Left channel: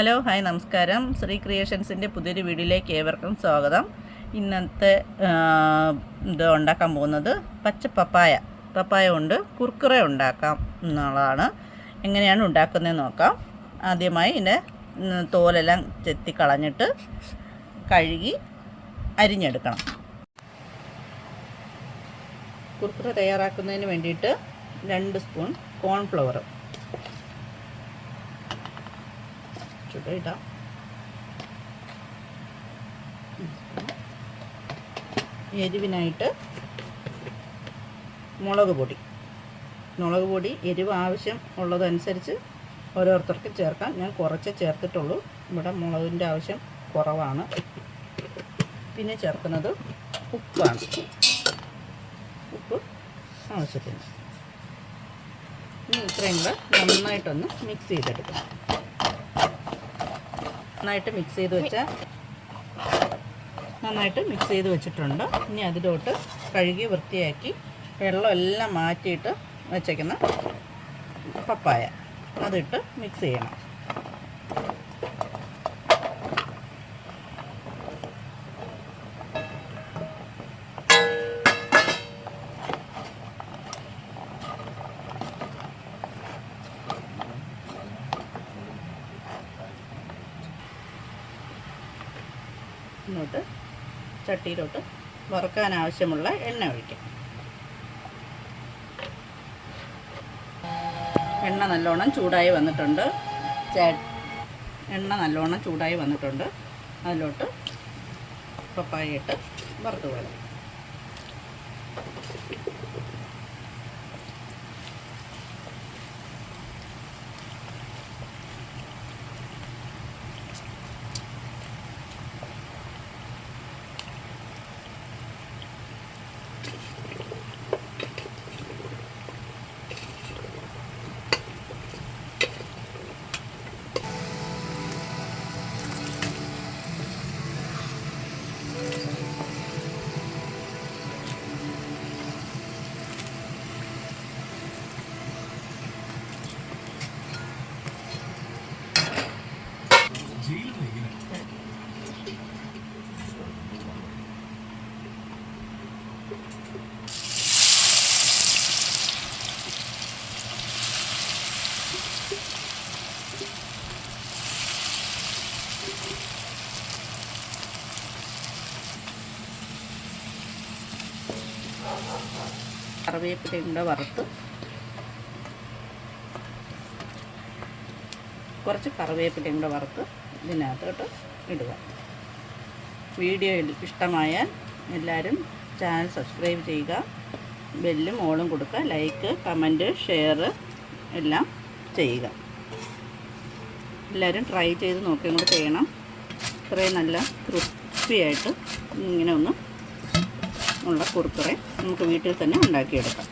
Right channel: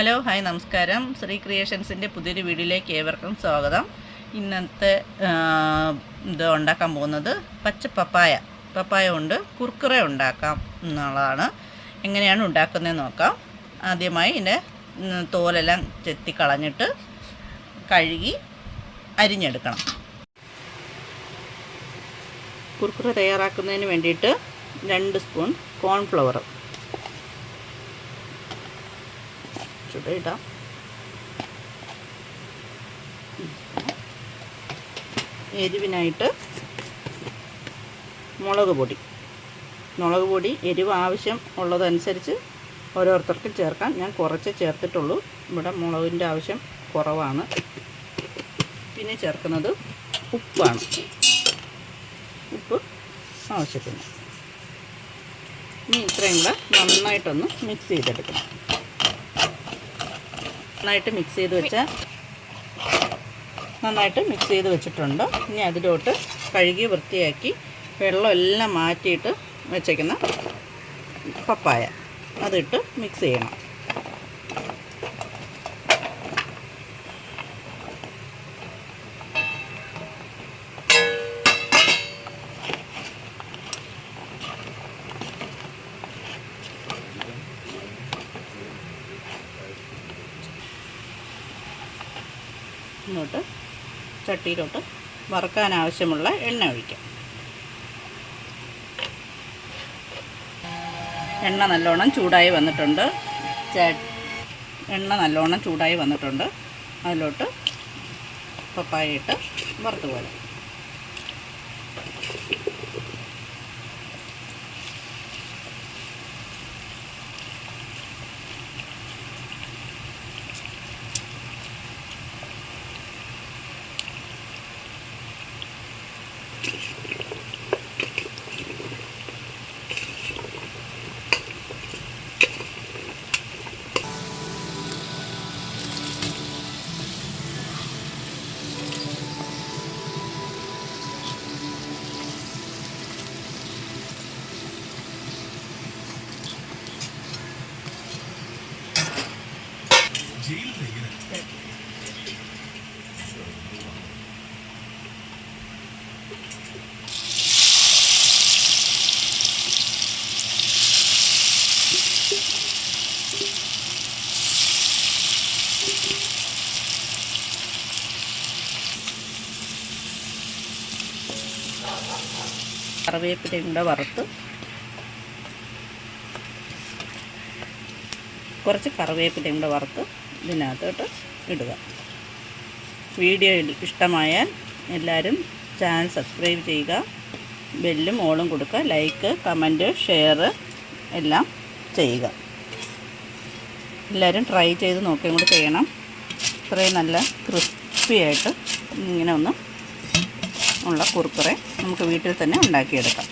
Hello hi നമസ്കാരം. ശ്രീ ക്രിയേഷൻസിൻ്റെ പുതിയൊരു വീഡിയോയിലേക്ക് ഏവർക്കും സ്വാഗതം. ഇന്നത്തെ ഇത് ഉണ്ടാക്കാൻ പോകുന്നത് പച്ച പപ്പായ കൊണ്ട് കുർക്കുറെ ഉണ്ടാക്കാം എന്നുള്ളതാണ്. എങ്ങനെയാണ് ഉണ്ടാക്കുന്നതെന്ന് നോക്കാം. ആദ്യമായി ഇതിൻ്റെ തോലെല്ലാം ചെത്തിക്കളഞ്ഞിട്ട് കഴുകി അരിഞ്ഞെടുക്കണം. കുർക്കുറെ തയ്യാറാക്കുന്നതിന് വേണ്ടിയിട്ട് 2 സ്പൂൺ കോൺഫ്ലവർ ചുടയിടാം. എരിവിനായിട്ട് മുളക് പൊടി എരിവ് ആവശ്യം ഉള്ളതനുസരിച്ച് ഓരോരുത്തർക്കും ചേർക്കാം. ഞാൻ കുറച്ച് ചേർത്തിട്ടുള്ളൂ. ഇവിടെ മുളകിൻ്റെ ആവശ്യം കുറവാണ്. പിന്നെ ചേർക്കുന്നത് ഉപ്പാണ്. ഉപ്പ് ആവശ്യത്തിന്. ഇനി ഇത്രയും കൂടെ നന്നായിട്ടൊന്ന് മിക്സ് ചെയ്തെടുക്കണം. നന്നായിട്ട് മിക്സ് ചെയ്ത് വെച്ചിട്ടുണ്ട്. ഇനി അതിലോട്ട് കഴുകി വൃത്തിയാക്കി വെള്ളമെല്ലാം മാറ്റിയിട്ട് വെച്ചേക്കുന്ന പപ്പായ അതിട്ട് മിക്സ് ചെയ്യണം. എന്നിട്ട് ചട്ടിയിലോട്ട് വറുക്കാൻ ആവശ്യമുള്ള എണ്ണ ഒഴിക്കാം. എണ്ണ നല്ലോണം ചൂടായി വന്നിട്ടുണ്ട്. അതിലോട്ട് പപ്പായ ഇട്ട് വറുത്ത് പോകാം. കറിവേപ്പിലയും കൂടെ വറുത്ത് കുറച്ച് കറിവേപ്പിലയും കൂടെ വറുത്ത് ഇതിനകത്തോട്ട് ഇടുക. വീഡിയോ ഇഷ്ടമായാൽ എല്ലാവരും ചാനൽ സബ്സ്ക്രൈബ് ചെയ്യുക. ബെല്ലും ഓളും കൊടുക്കുക. ലൈക്ക്, കമൻറ്റ്, ഷെയർ എല്ലാം ചെയ്യുക. എല്ലാവരും ട്രൈ ചെയ്ത് നോക്കിയും കൂടി ചെയ്യണം. ഇത്രയും നല്ല ക്രിസ്പിയായിട്ട് ഇങ്ങനെ ഒന്നും ഉള്ള കുർക്കുറെ നമുക്ക് വീട്ടിൽ തന്നെ ഉണ്ടാക്കിയെടുക്കാം.